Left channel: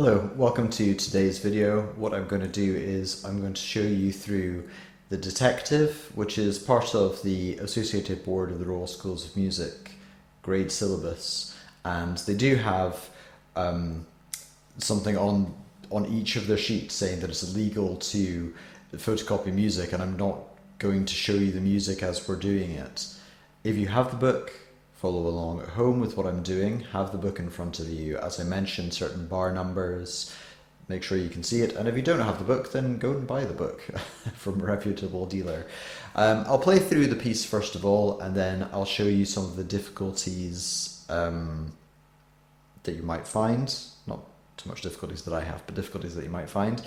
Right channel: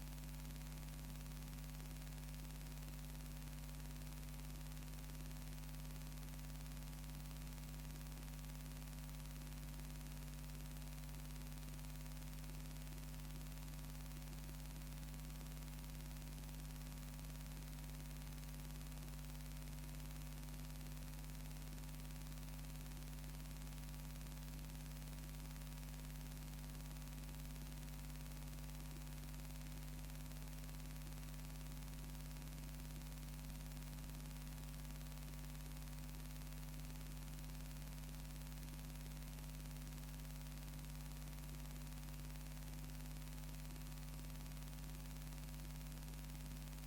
Hello, welcome to today's video. What I'm going to do is I'm going to show you through the Detective, which is part of the Associated Board of the Royal Schools of Music grade syllabus, and they do have something on each of their sheets saying that it's illegal to photocopy music, and I'm not going to show you the music as we're doing it. If you have the book, follow along at home with what I'm doing, have the book in front of you. As I mentioned, certain bar numbers, make sure you can see it, and if you don't have the book, then go and buy the book from a reputable dealer. I'll play through the piece first of all, and then I'll show you some of the difficulties that you might find. Not too much difficulties that I have, but difficulties that you might find,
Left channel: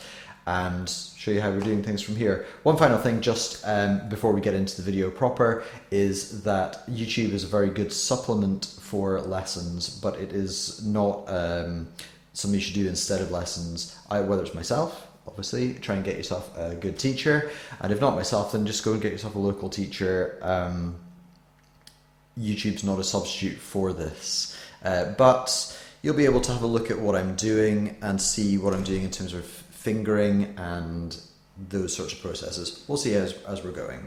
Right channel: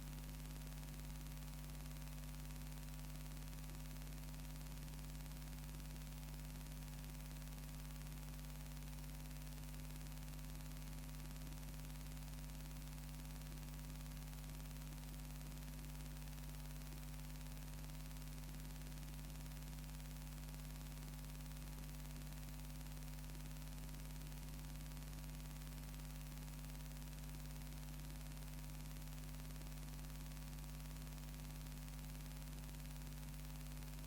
and show you how we're doing things from here. One final thing just before we get into the video proper is that YouTube is a very good supplement for lessons, but it is not something you should do instead of lessons. Whether it's myself, obviously, try and get yourself a good teacher, and if not myself, then just go and get yourself a local teacher. YouTube's not a substitute for this, but you'll be able to have a look at what I'm doing and see what I'm doing in terms of fingering and those sorts of processes. We'll see as we're going.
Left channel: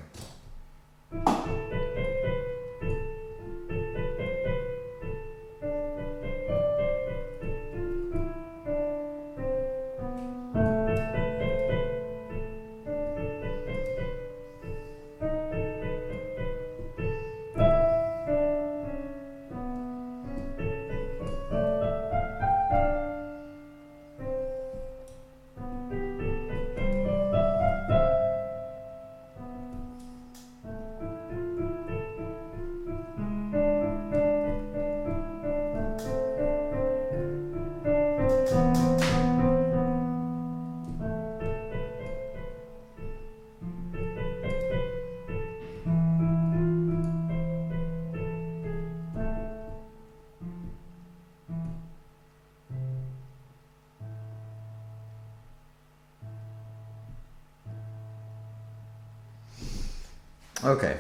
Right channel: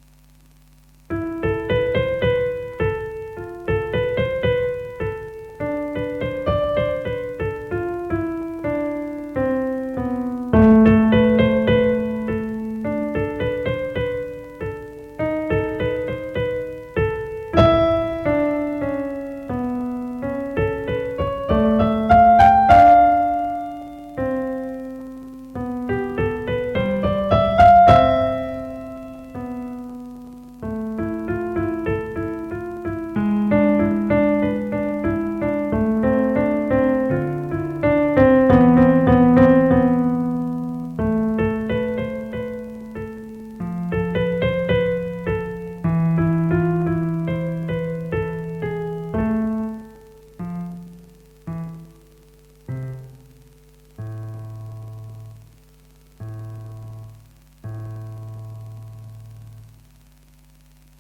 Okay.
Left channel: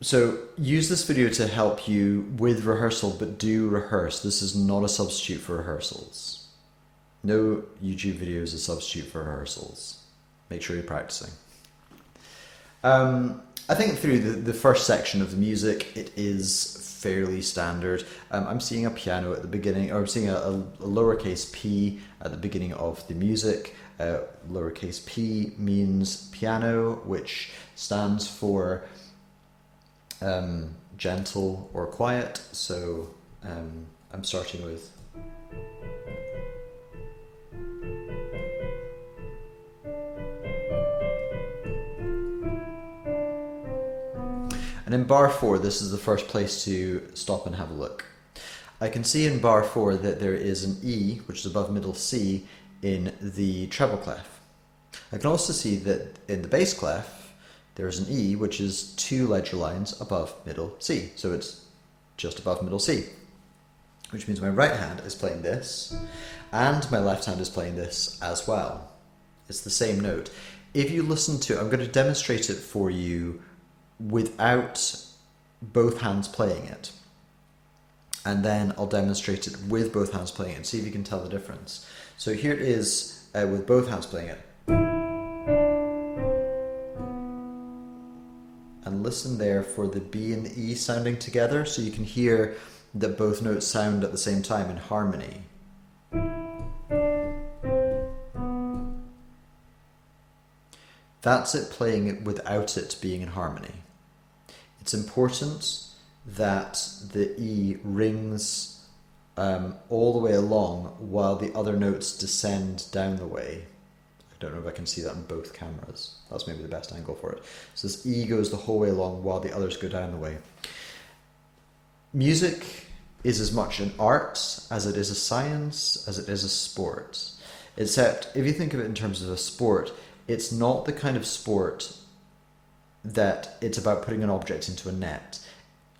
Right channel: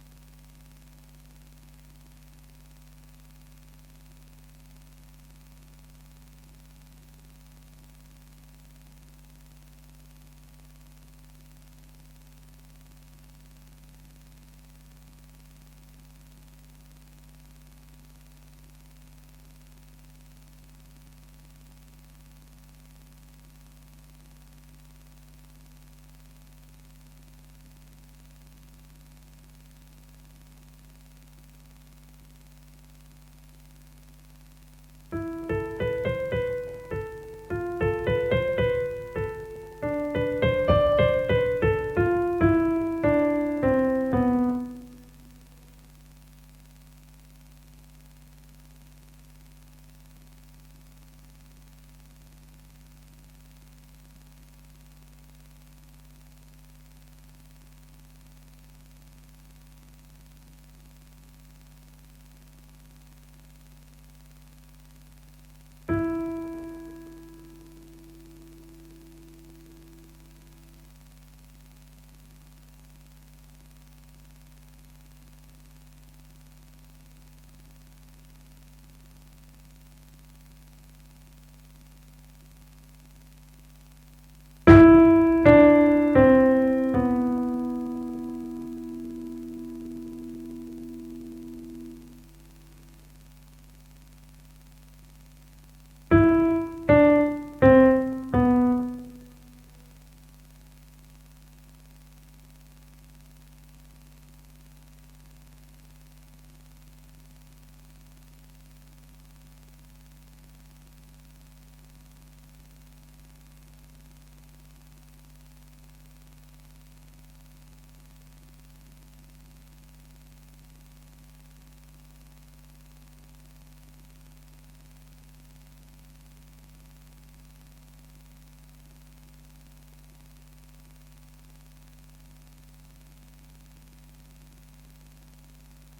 So use this video to help you with rehearsal, but do rehearse. This is not a substitute for rehearsals. No YouTube video is a substitute for rehearsals. Make sure you're practicing. I think through the first section of the music, it is fairly standard. I'm seeing a piano at the beginning, or I'm seeing a lowercase p at the beginning of the music. Lowercase p means piano, which stands for gentle or quiet. So I'm starting with and in bar 4, this is the first place to stop and have a look. I can see in bar 4 that there is an E, which is above middle C, in the treble clef. I can also see that in the bass clef there is an E, which is 2 ledger lines above middle C, so it's just above middle C, which means my right hand is playing this and my left hand is playing this as well. It's the same note. If you listen to, I'm going to demonstrate it for you without both hands playing it, and then I'll demonstrate it with both hands playing it and see if you can tell the difference. So here it is with both hands playing it. And listen there for the B and the E sounding together, so you can hear that both notes sound at the same time in harmony. That's it playing it without it being in harmony. It's important that the E rings all the way along while the other notes descend down the way. I don't know if I can see that on both cameras. That's maybe the best angle for it. So this E goes the whole way along while the others go down the way. Music is as much an art as it is a science, as it is a sport. Except if you think of it in terms of a sport, it's not the kind of sport that it's about putting an object into a net.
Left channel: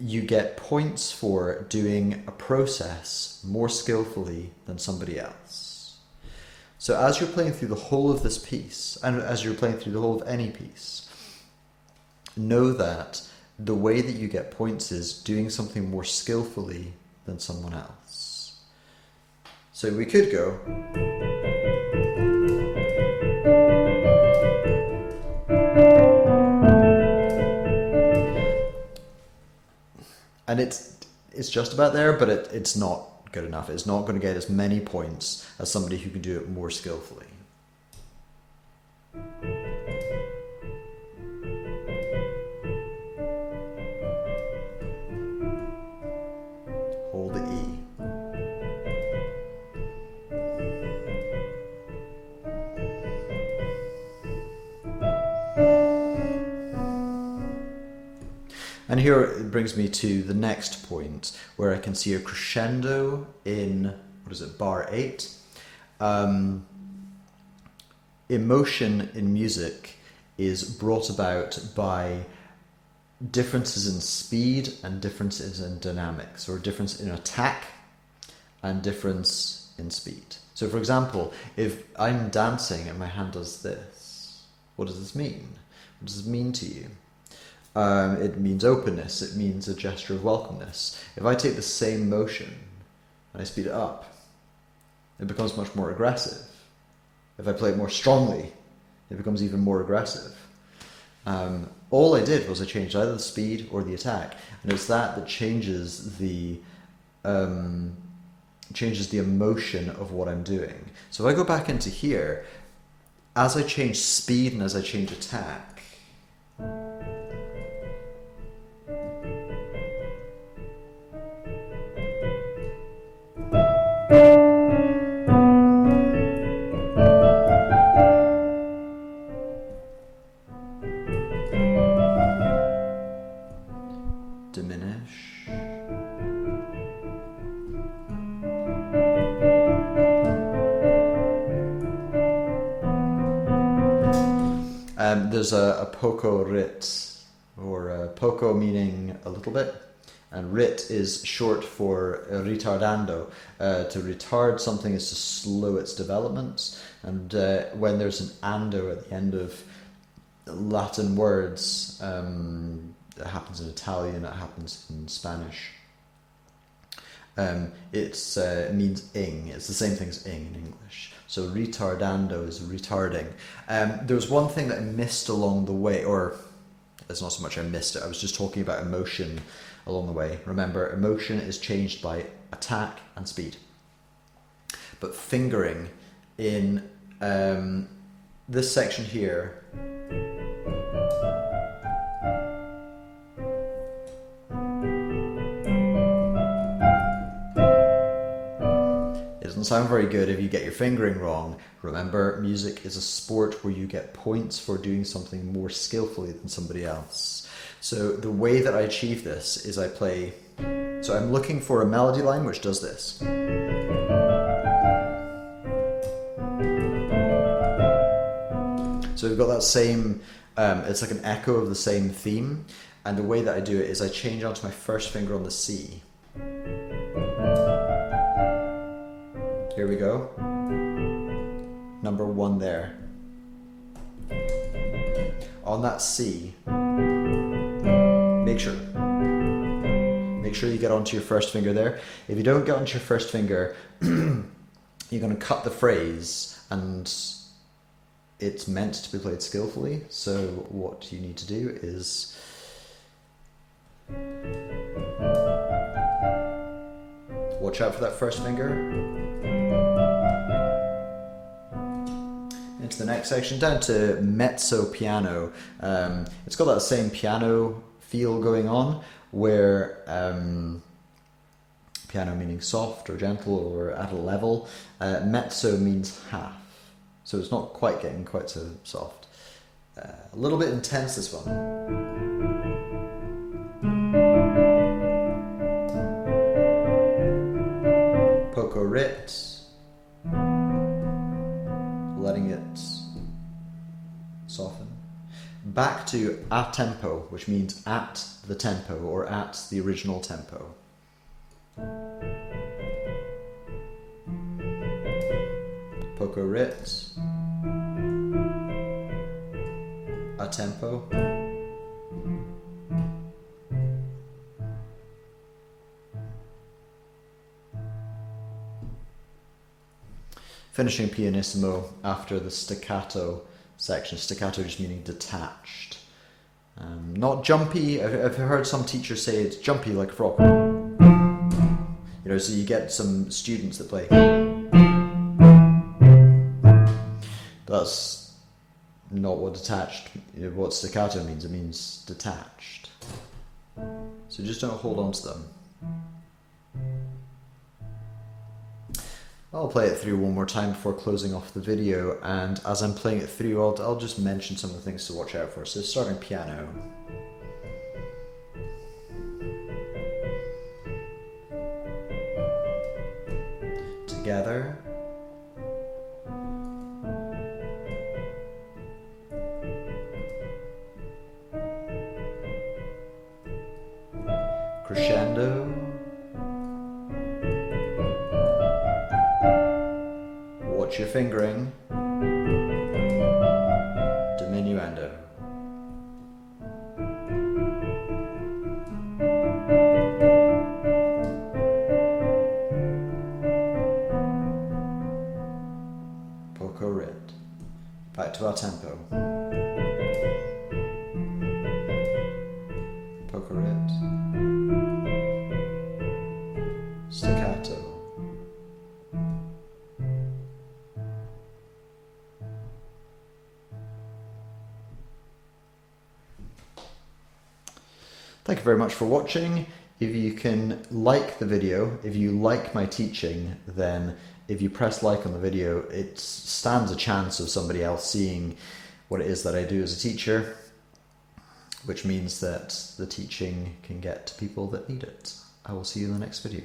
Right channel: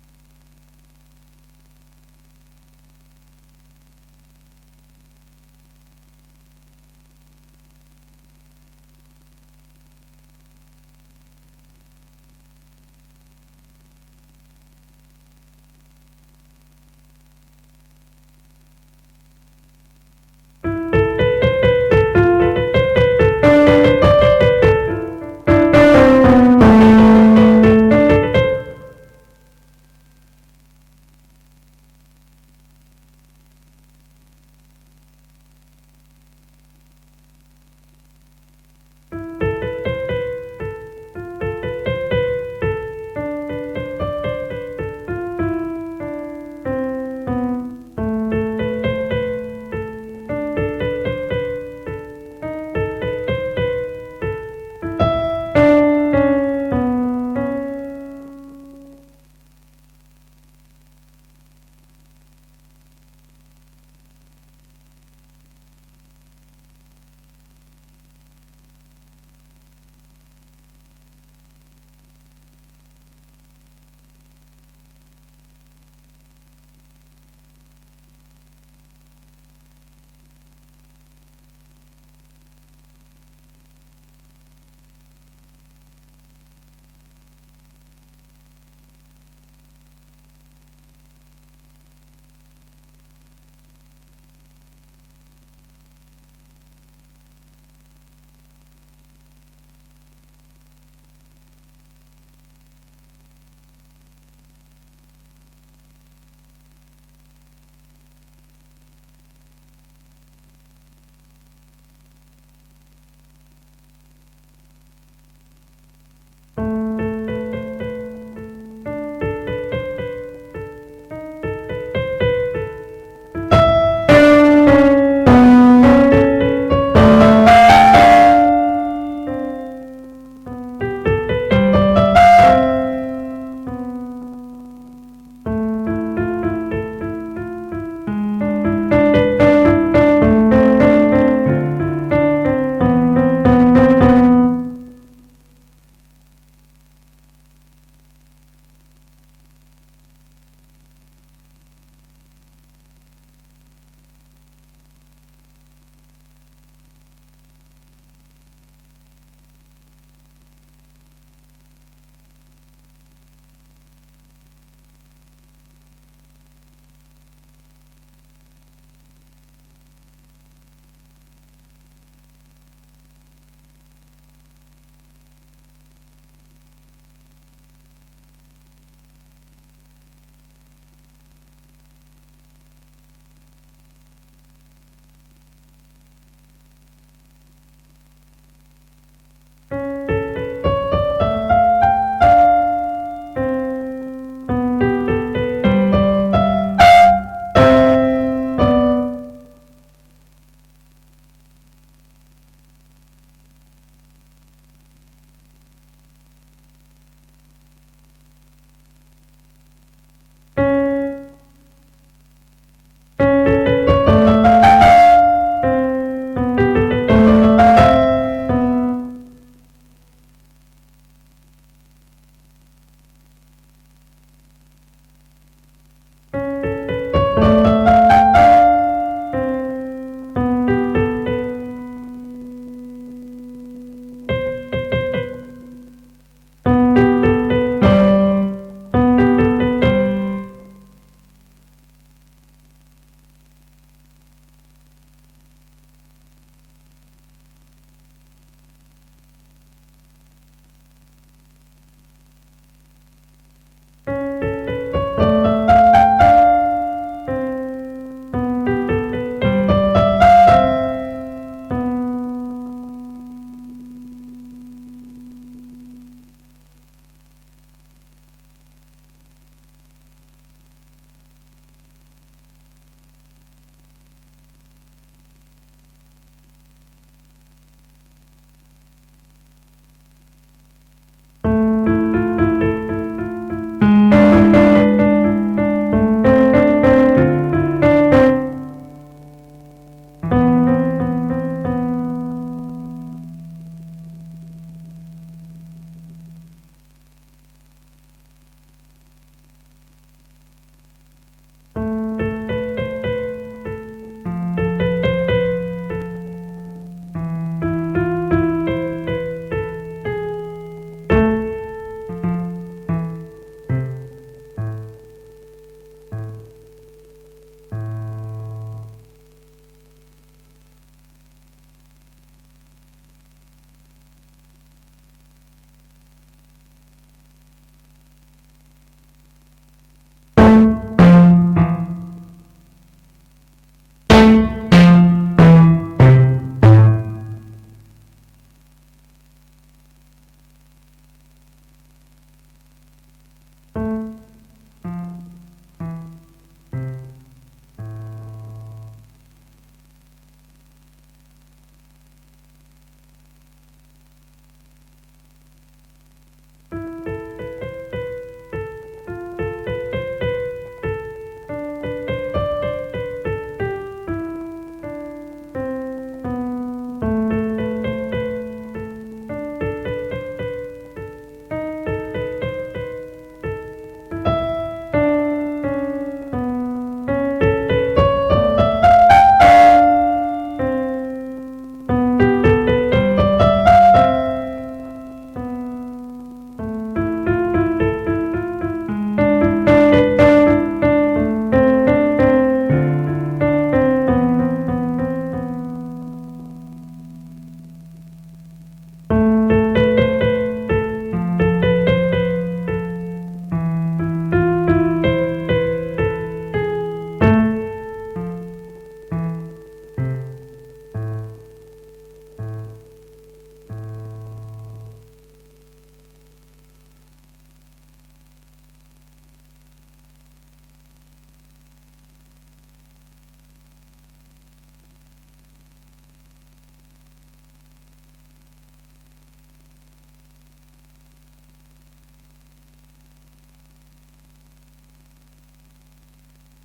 You get points for doing a process more skillfully than somebody else. So as you're playing through the whole of this piece, and as you're playing through the whole of any piece, know that the way that you get points is doing something more skillfully than someone else. So we could go. And it's just about there, but it's not good enough. It's not going to get as many points as somebody who can do it more skillfully. Or the E. And here it brings me to the next point, where I can see a crescendo in, what is it, bar 8. Emotion in music is brought about by differences in speed and differences in dynamics, or difference in attack and difference in speed. So for example, if I'm dancing and my hand does this, what does this mean? What does this mean to you? It means openness, it means a gesture of welcomeness. If I take the same motion and I speed it up, it becomes much more aggressive. If I play it more strongly, it becomes even more aggressive. All I did was I changed either the speed or the attack, and it's that changes the emotion of what I'm doing. So if I go back into here, as I change speed and as I change attack, there's a poco rit, or poco meaning a little bit, and rit is short for retardando. To retard something is to slow its development, and when there's an ando at the end of Latin words, it happens in Italian, it happens in Spanish. It means ing. It's the same thing as ing in English. So retardando is retarding. There was one thing that I missed along the way, or it's not so much I missed it, I was just talking about emotion along the way. Remember, emotion is changed by attack and speed. But fingering in this section here, sound very good if you get your fingering wrong. Remember, music is a sport where you get points for doing something more skillfully than somebody else. So the way that I achieve this is I play, so I'm looking for a melody line which does this. So we've got that same, it's like an echo of the same theme, and the way that I do it is I change onto my first finger on the C. C. Make sure you get onto your first finger there. If you don't get onto your first finger, you're going to cut the phrase, and it's meant to be played skillfully. So what you need to do is watch out for that first finger. Section down to mezzo piano. It's got that same piano feel going on, where piano meaning soft or gentle or at a level, mezzo means half, so it's not quite getting quite so soft. A little bit intense, this one. Back to a tempo, which means at the tempo or at the original tempo. Poco rit, a tempo. finishing pianissimo after the staccato section. Staccato just meaning detached. Not jumpy. I've heard some teachers say it's jumpy like a frog. You know, so you get some students that play. That's not what detached, what staccato means. It means detached. So just don't hold on to them. I'll play it through one more time before closing off the video, and as I'm playing it through, I'll just mention some of the things to watch out for. So starting piano. Together. Crescendo. Watch your fingering. Diminuendo. Poco rit. Back to our tempo. Poco rit. Staccato. Thank you very much for watching. If you can like the video, if you like my teaching, then if you press like on the video, it stands a chance of somebody else seeing what it is that I do as a teacher, which means that the teaching can get to people that need it. I will see you in the next video.